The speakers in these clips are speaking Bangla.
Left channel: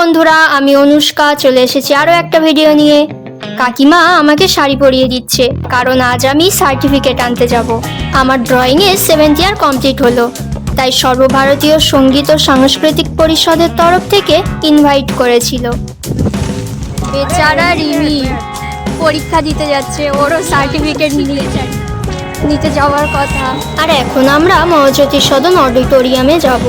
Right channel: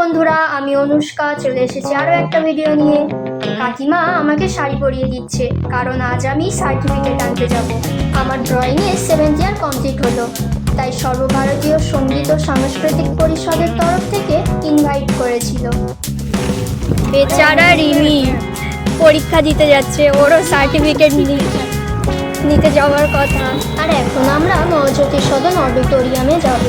বন্ধুরা, আমি অনুষ্কা চলে এসেছি আরও একটা ভিডিও নিয়ে। কাকিমা আমাকে শাড়ি পরিয়ে দিচ্ছে, কারণ আজ আমি সার্টিফিকেট আনতে যাব। আমার ড্রয়িংয়ে 7th ইয়ার কমপ্লিট হলো, তাই সর্বভারতীয় সঙ্গীত ও সাংস্কৃতিক পরিষদের তরফ থেকে ইনভাইট করেছিল। বেচারা রিমি পরীক্ষা দিতে যাচ্ছে, ওরও সার্টিফিকেট নিতে যাওয়ার কথা। আর এখন আমরা মহাজ্যোতি সদন অডিটোরিয়ামে যাব।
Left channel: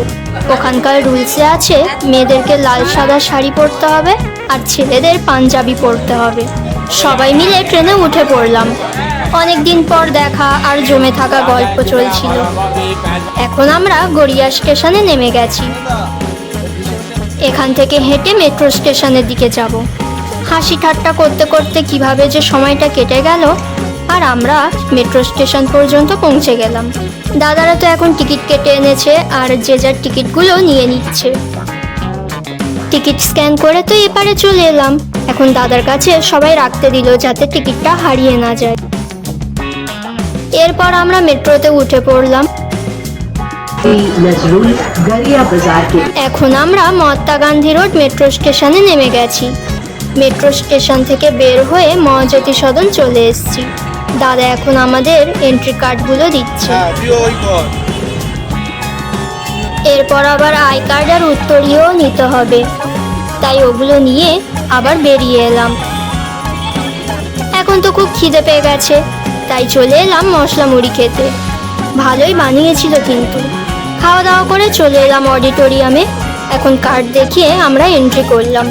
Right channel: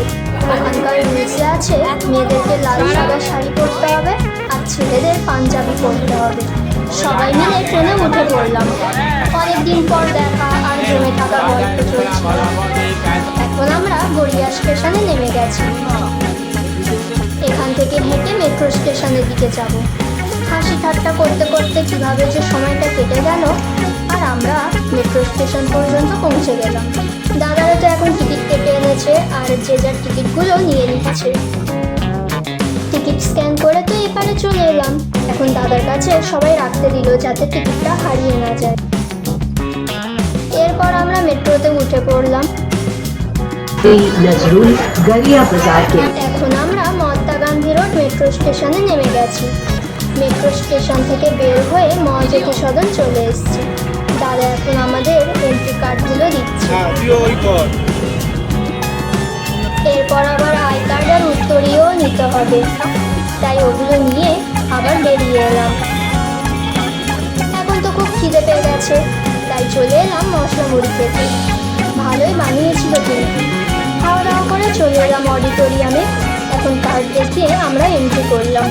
ওখানকার রুলসে আছে মেয়েদেরকে লাল সাদা শাড়ি পরতে হবে আর ছেলেদের পাঞ্জাবি পরতে হবে। সবাই মিলে ট্রেনে উঠে পড়লাম। অনেকদিন পর দেখা আর জমে থাকা গল্প চলছিল। এখন আমরা গড়িয়া স্টেশনে নেমে গেছি। এখান থেকে হেঁটে মেট্রো স্টেশনের দিকে যাব। হাসি ঠাট্টা করতে করতে কিভাবে যে সময়টা কেটে গেল। আর আমরা মেট্রো স্টেশন পর্যন্ত পৌঁছে গেলাম। দাদারা তো এখন টিকিট কেটে এনেছে আর যে যার টিকিটগুলো নিয়ে নিচ্ছে। টিকিট স্ক্যান করে তো এপারে চলে এলাম। এখন দাদার কাছে সবাই রাখতে দিল যাতে টিকিটটা হারিয়ে না যায়। এরপর আমরা মেট্রোতে উঠে পড়লাম। এখন আমরা মহাত্মা গান্ধী রোড মেট্রো স্টেশনে নেমে গেছি। মেট্রো স্টেশন থেকে বের হয়ে মহাজ্যোতি সদন চলে এসেছি। দাদা এখন আমাদের এন্ট্রি কার্ডগুলো দিচ্ছে। এরপর আবার আই কার্ড আর উত্তরীয় নিতে হবে, তাই ওগুলো নিয়ে আবার বেরিয়ে এলাম। এখন তো খুব খিদে পেয়ে গেছে, তাই চলে এলাম মশলা মুড়ি খেতে। ভালোই বানিয়েছিল কিন্তু। খাওয়া দাওয়া করে চলে এলাম অডিটোরিয়ামে। এখন কার্ড দেখিয়ে আমরা এন্ট্রি করলাম।